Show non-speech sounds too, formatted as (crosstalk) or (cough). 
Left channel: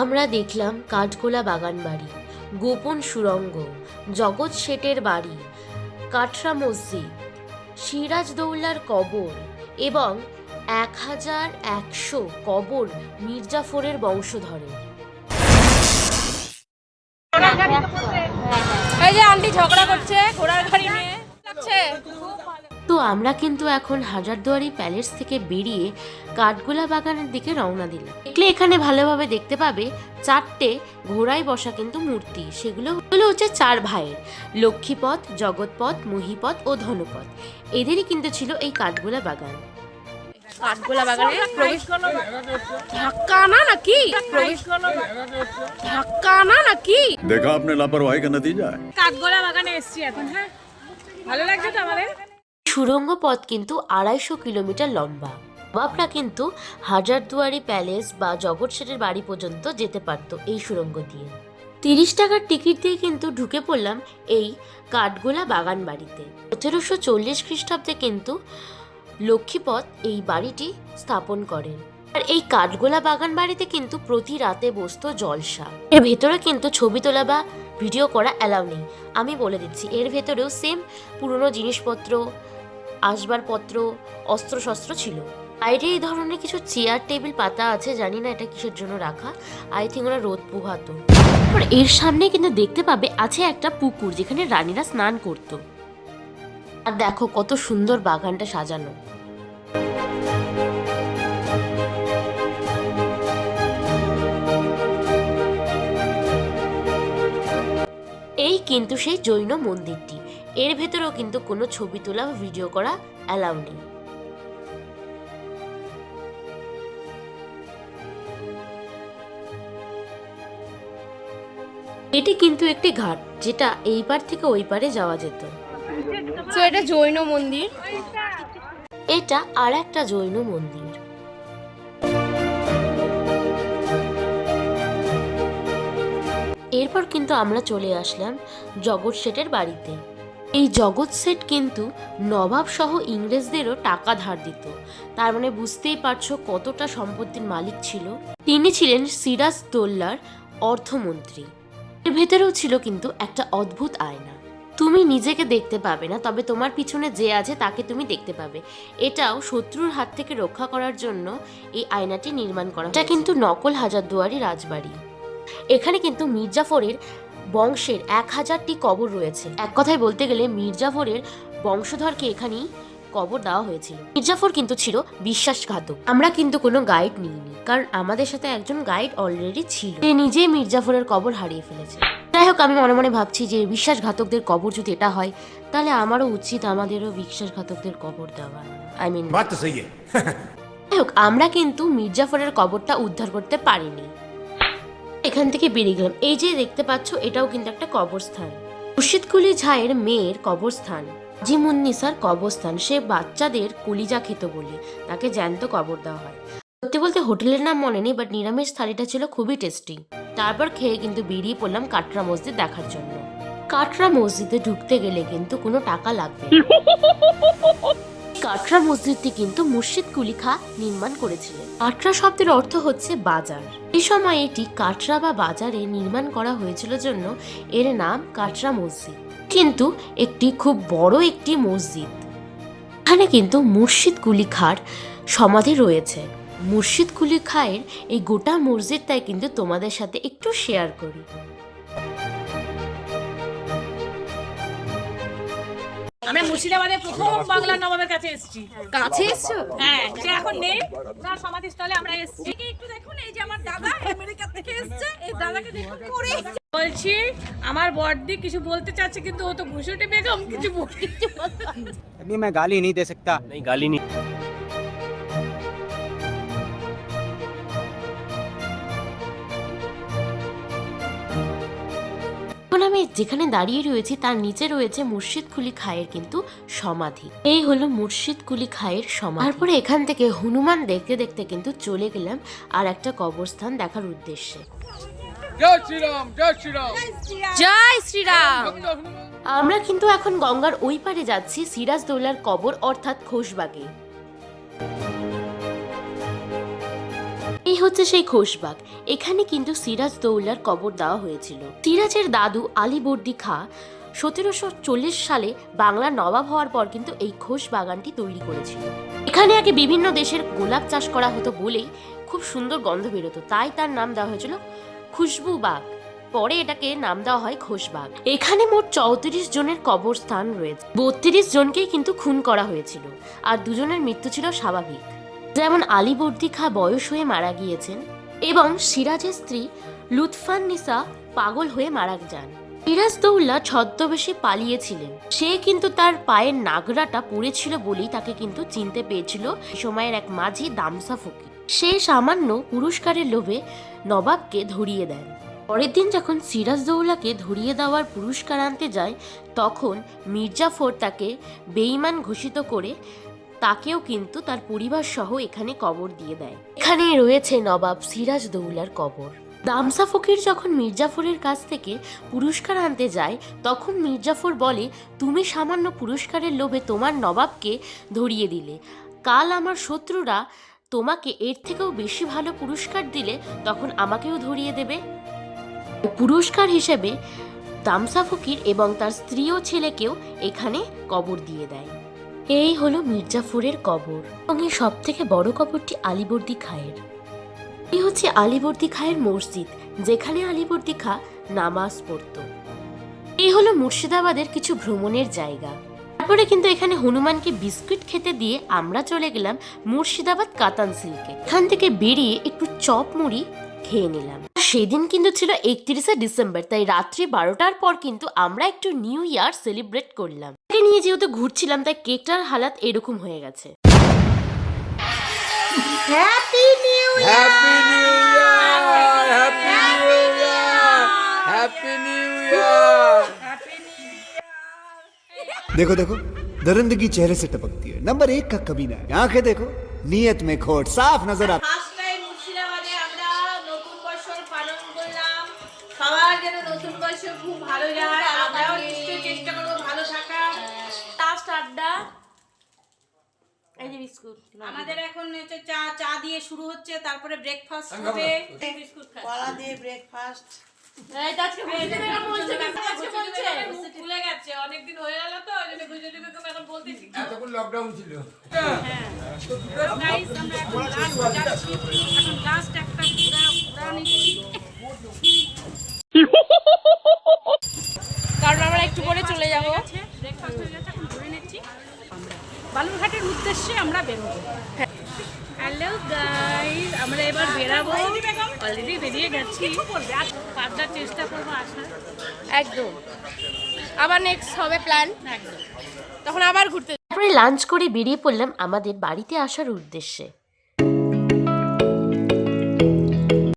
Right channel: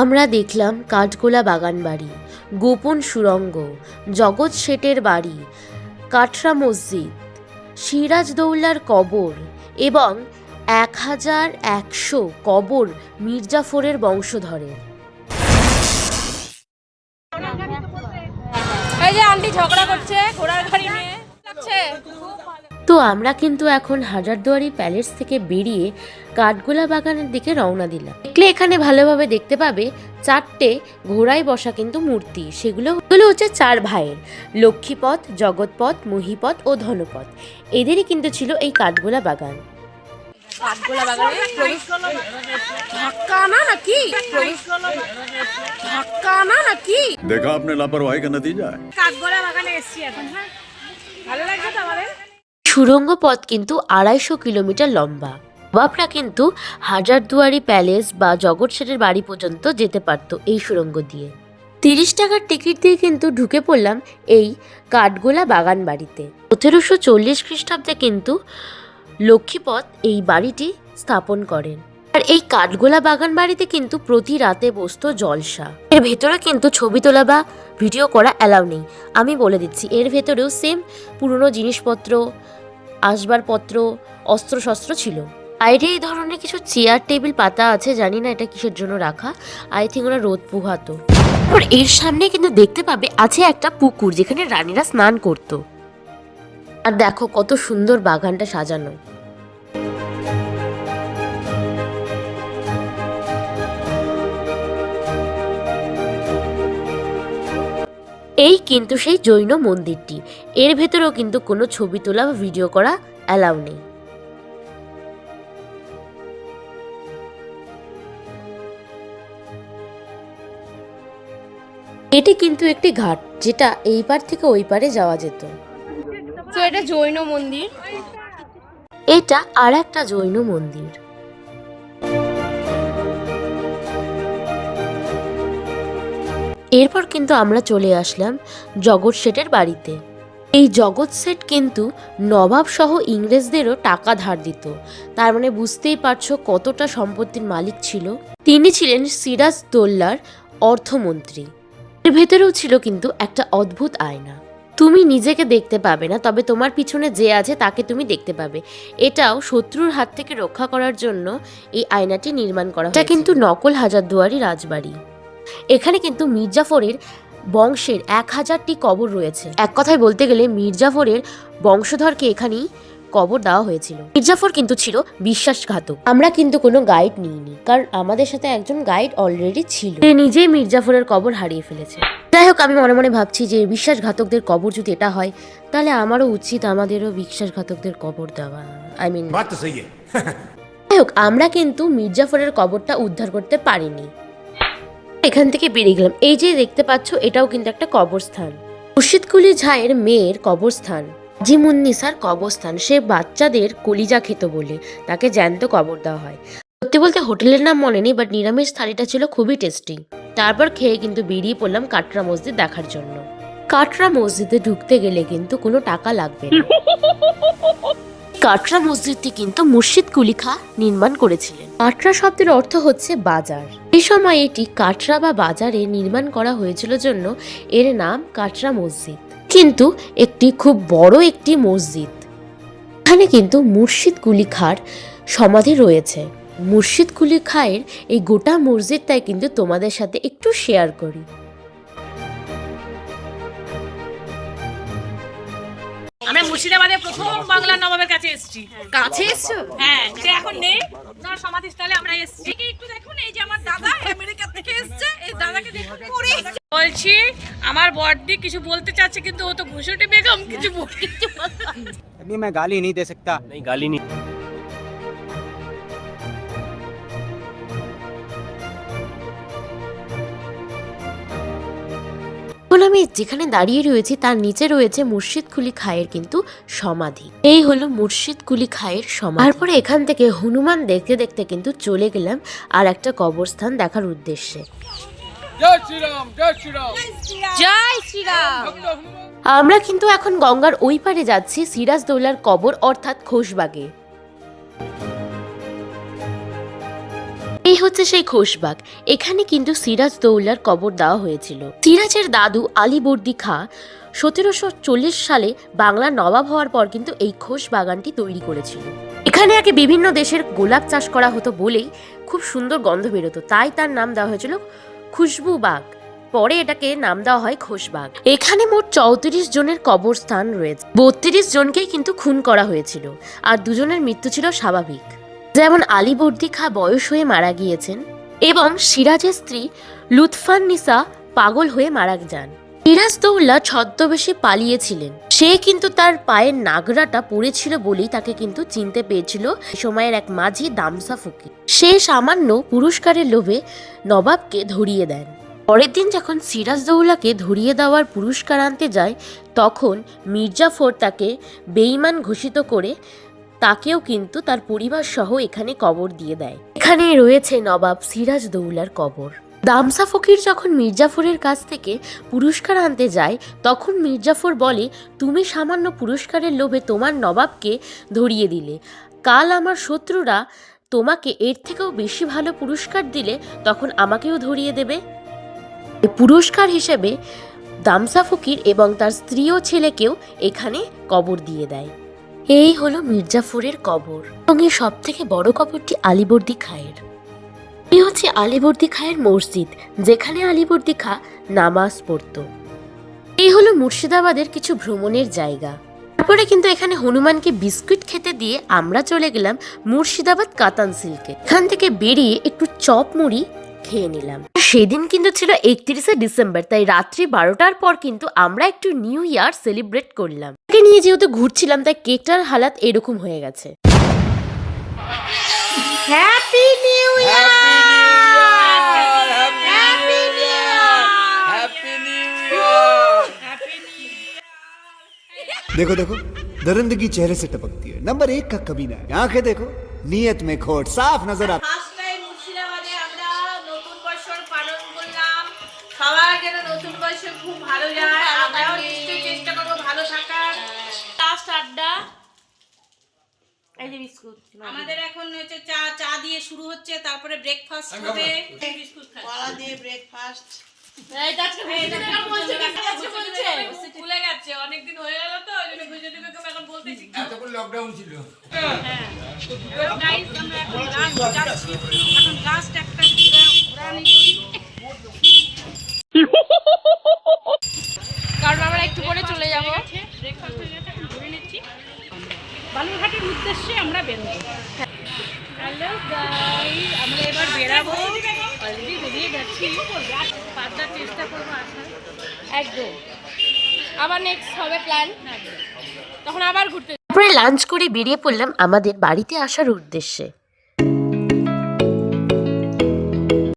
আমরা দেখলাম কাঠগোলা বাগান বাড়ি, গোপন সুরঙ্গ, জগৎ শেঠের বাড়ি, কাঠরা মসজিদ সিরাজদৌল্লার কবর এবং এক হাজার একশো কবর মির্জাফরের আন্টি ঝগড়া করছে, ঘোড়ার গাড়ি নিয়ে। তো আমরা কিন্তু এখন হাজারদুয়ারি প্যালেস থেকে বেরিয়ে কাঠগোলা বাগানের দিকে রওনা দিলাম। দেখলে এখানে ভালোভাবে দেখতে পাবে চারটে ঘোড়ায় বসা কিন্তু মূর্তি। সেগুলো হলো হচ্ছে চার ভাইয়ের লক্ষ্মীপথ জগৎপথ মহিপথ ও ধনপথ। এদেরই কিন্তু ছিল এই কাঠগোলা বাগান। কাঠগোলা বাগানে প্রবেশ ধাক্কা না নাকি? প্রবেশ ধাক্কা না নাকি? দেখা আপনার লাপারওয়াহি কেন দিয়ে যায়? কাঠগোলা বাগানে এসছি এখন হ্যাঁ। ভালো লাগছে তোমাদের সুড়ঙ্গ পথ কিন্তু আড়াইশো কিলোমিটার লম্বা। বাপরা কিন্তু হাজারদুয়ারি প্যালেস বা জগৎ বাড়ি পর্যন্ত যেতে পারতো এই সুড়ঙ্গ দিয়ে। তিরিশ টাকার টিকিট দিয়ে কিন্তু ঢুকে পড়লাম এই কাঠগোলা বাগান বাড়িতে। সতেরোশো চল্লিশ খ্রিস্টাব্দে কিন্তু লক্ষ্মীপথ এই বাড়িটি স্থাপন করেন। আর এই কাঠগোলা বাগান বাড়িতে কিন্তু প্রতি রাতে বসতো জলসা। এর ভেতরে কিন্তু ছবি তোলা বা ভিডিও করা অ্যালাউ নেই। আমি বলে দিচ্ছি, এর ভেতরেও সেম পুরনো জিনিসপত্র আসবাবপত্র অস্ত্রশস্ত্র ছিল। বাইরে এই ধরনের কিছু চেয়ার, টেবিল, পাতা আছে, জানি না এটা কিসের জন্য রাখা। আই থিঙ্ক ওরা রোদ পোহাতো। এর সামনে কিন্তু দেখতে পাবে আছে একটা পুকুর যেখানে রানীরা স্নান করত। আর দেখো কত সুন্দর বাগানটা সাজানো। এই কিন্তু সেই জৈন মন্দিরটি। এর ভেতরেও কিন্তু কোনো ছবি তোলা বা ভিডিও করা অ্যালাউ নেই। এটি কিন্তু একটি ঘাট যেটা এই পার থেকে ওই পারে যাওয়া যেত। তো এটা জৈন মন্দির? এটা আর একটা জৈন মন্দির। এরপর কিন্তু আমরা চলে আসলাম জগৎ শেঠের বাড়িতে। এই জগৎ শেঠ কিন্তু নবাব সহ ইংরেজদেরও টাকা ধার দিত। তার মানে বুঝতেই পারছ কতটা সম্পত্তির মালিক ছিল। তিনি ছিলেন সিরাজ দোল্লার অর্থমন্ত্রী। এর ভেতরেও ছিল কিন্তু একটা অদ্ভুত আয়না। তুমি নিজেকে দেখতে পাবে না, তবে তোমার পিছনে যে আছে তাকে তুমি দেখতে পাবে। এটাও শত্রুর হাত থেকে রক্ষা করার জন্য এই আয়নাটি নির্মাণ করা এটা কিন্তু নকল হাজারদুয়ারি রাজবাড়ি। এখানে কিন্তু মির্জাফরের বংশের এক হাজারটি কবর রয়েছে। এক কথায় বলতে গেলে মির্জাফরের বংশধরকে এখানেই কবর দেওয়া হয়েছিল। মির্জাফর কিন্তু ছিল বিশ্বাসঘাতক। আমরা কিন্তু কোনো গাইড নিইনি কারণ আমাদের সাথে একজন গাইড অলরেডি ছিল। সে নিজেই মির্জাফরের কবর হারিয়ে ফেলেছে। যাই হোক আমি মনে মনে ভাবছি যে বিশ্বাসঘাতকদের কবর যদি এটা হয় তাহলে আমারও উচিত আমাদেরও বিশ্বাসঘাতকদের কবর দেওয়া। আই মিন (laughs) যাই হোক আমরা কিন্তু মির্জাফরের কবরটা উদ্ধার করতে পারিনি। এখান থেকে বেরিয়ে গেলাম। এই যে দেখতে পাচ্ছ, এটাও কিন্তু একটা কবরস্থান। মুর্শিদকুলি ঝায়ের মেয়ের কবরস্থান, জিমুন্নিসার কবরস্থান। সে বাচ্চাদের কলিজা খেত বলে তাকে জ্যান্ত কবর দেওয়া হয়। সত্যি বলতে হোটেলের নাম মনে নেই বাট নিরামিষ থালিটা ছিল খুবই টেস্টি তারপর খেয়ে কিন্তু বেরিয়ে পড়লাম কাটরা মসজিদ দেখার জন্য। কাটরা মসজিদে ঢুকতে গেলে কিন্তু কোনো টাকা লাগবে না। (laughs) কাটরা মসজিদটি কিন্তু মুর্শিদ কুলি খা নির্মাণ করেছিলেন। কাটরা শব্দের অর্থ হচ্ছে বাজার। এই সময় এটি কাটরা বা বাজারে নির্মাণ করা হয়েছিল জন্য এর নাম কাটরা মসজিদ। কিন্তু একটি খুব বড় একটি মসজিদ। এখানে কিন্তু মুর্শিদ কুলি খার সমাধি রয়েছে। মুর্শিদ কুলি খায়ের এই গোটা মসজিদটাই কিন্তু তোমাদের সাথে একটু শেয়ার করি। আমরা মুর্শিদাবাদে প্রথম বাংলা নবাবের কাছে এসেছি কাছে এসছো হ্যাঁ সে এখন নেই তার সমাধিস্থলে আমরা এসেছি একটু দেখুন এই যে আমার দাদা আমেরিকা থেকে এসেছে এই দাদাকে দেখুন করে বলছি আমার বড়দি কিছু বলতে চাচ্ছে কিন্তু ও তো ঘুষুটি বেগম কিছু বল- কিছু বলতে পারছে না। अभी मैं गाली नहीं दे सकता नहीं गाली नहीं আমি যেখানে দাঁড়িয়ে রয়েছি তার নিচে রয়েছে মুর্শিদ কুলি খায়ের কিন্তু সমাধি। এই হলো মুর্শিদ কুলি খায়ের সমাধি। তারপরে এখান থেকে হনুমান দেখতে দেখতে কিন্তু চলে গেলাম আর একটা কবরস্থান দেখার উদ্দেশ্যে। জয় শ্রীরাম। আমরা কিন্তু এখন গঙ্গার ওই পারে যাচ্ছি সিরাজদৌলার কবর অর্থাৎ খোশবাগে। এই হচ্ছে সেই খোশবাগ এখানে কিন্তু সিরাজ দৌলার কবর দেওয়া হয়েছিল। সিরাজের দাদু আলীবর্দী খা সতেরোশো চল্লিশ সালে বাংলার নবাব হওয়ার পর কিন্তু এই খোশ বাগানটি তৈরি করেছিল। এখানে আগে বিভিন্ন দেশের গোলাপ চাষ করা হতো বলেই খুব সুন্দর গন্ধ বেরোতো। তাই তার নাম দেওয়া হয়েছিল খুশবু বাগ পরে এটাকে নাম দেওয়া হয় খোশবাগ এখানে মোট চৌত্রিশ জনের কবরস্থান রয়েছে। বত্রিশ জনকেই কিন্তু খুন করা হয়েছিল। আর দুজনের মৃত্যু ছিল স্বাভাবিক। যেমন আলীবর্দী খা বয়স হয়ে মারা গিয়েছেন এবং সিরাজের স্ত্রী লুৎফান নিসা পাগল হয়ে মারা যান। সিরাজদৌল্লা ছদ্মবেশে পালিয়েছিলেন। সে কিন্তু তার পায়ের নাগরাটা পড়েছিল বলেই তাকে কিন্তু চিনতে পেরেছিল সে সময়ের এক মাঝি দামসা ফকির। সে সামান্য পুরস্কারের লোভে নবাবকে ধরিয়ে দেন। পরের দিন যখন সিরাজদৌল্লাকে ধরিয়ে দেওয়ার পুরস্কার আনতে যায়, তখন মির্জাফর তাকে বেঈমান ঘোষিত করে তাকেও কিন্তু তার পরিবার সহ এখানে কবর দিয়ে দেয়। এখানে রয়েছে নবাব সিরাজ দৌলার কবর। দামসা ফকির যখন মির্জাফরের কাছ থেকে পুরস্কার আনতে যায়, তখন মির্জাফর বলে, তুমি সামান্য পুরস্কারের লোভে তোমার নবাবকে ধরিয়ে দিলে। কাল আমার শত্রুরা তোমাকে এর থেকেও বেশি ভালো পুরস্কার দিলে তখন আমাকেও ধরিয়ে দেবে। পুরস্কার হিসেবে দামসা ফকির এবং তার স্ত্রী ও ছেলেকেও এখানে কবর দিয়ে দেয়। এই হলো মির্জাফরের কবর এবং এই সব থেকে বড় কবরটি আলিবর্দী খায়ের। এই হচ্ছে আলিবর্দী খায়ের মসজিদ, যেখানে আলিবর্দী খা নামাজ পড়তো। এই হলো মুর্শিদাবাদের কিছু ভ্রমণের জায়গা। তারপরে কিন্তু এখানে হনুমানকে বিস্কুট খেতে দিয়ে আমরা চলে গেলাম মুর্শিদাবাদ কাতান সিল্কে। এখান থেকে বেরিয়ে একটু চপ মুড়ি খেয়ে নিলাম। সেদিন কিন্তু ছিল একত্রিশে ডিসেম্বর তাই রাত্রি বারোটার পর কিন্তু আমরা একটু নিউ ইয়ার সেলিব্রেট করলাম কেক নিয়ে যেহেতু ঘুরছিলাম তাই কেকটার হালাত এরকম হয়ে গেছে happy new Happy New Year! Happy New Year! Happy New Year! देखो देखो दरिंदगी चेहरे से टपकती है नंबर एक का कमीना है आंखें देखो नीयत में खोट साफ नजर आता যেন নতুন বছর খুব ভালো যায় আমরাও নিশ্চয়ই চেষ্টা করব ভালো থাকার। লাস্ট আড্ডা। এই যে বিস্কুট আমাদের এখন হচ্ছে চা চা দিয়ে শুরু হচ্ছে তারপরে ব্রেকফাস্ট হবে। বিস্কুট কলা দিয়ে ব্রেকফাস্ট অনেকদিন হয়ে গেল তো ওই জন্য গুজরাটি বেগম এখন বলতেছি। এতক্ষণ লকডাউন ছিল। গাইস আমরা এখন লাস্ট এখন লাস্ট একটা ঘোরা ঘোরা নিচ্ছি কারণ আমরা একটু পরে চলে যাব ব্রেকফাস্ট হয়ে গেছে এখন ঘুরে নিচ্ছি বালুরঘাটের উদ্দেশ্যে আমরা বেরোবো হ্যালো গাইস আমরা এবার বেরাবো অলরেডি বেরিয়ে যাচ্ছি পাঁচটার চেষ্টা করব আসার একদম। আবার নেক্সট হবে প্ল্যান তখন আবার ঘুরতে তারপরে লাঞ্চ করে বেরিয়ে পড়লাম আমাদের বাড়িতে আসার উদ্দেশ্যে।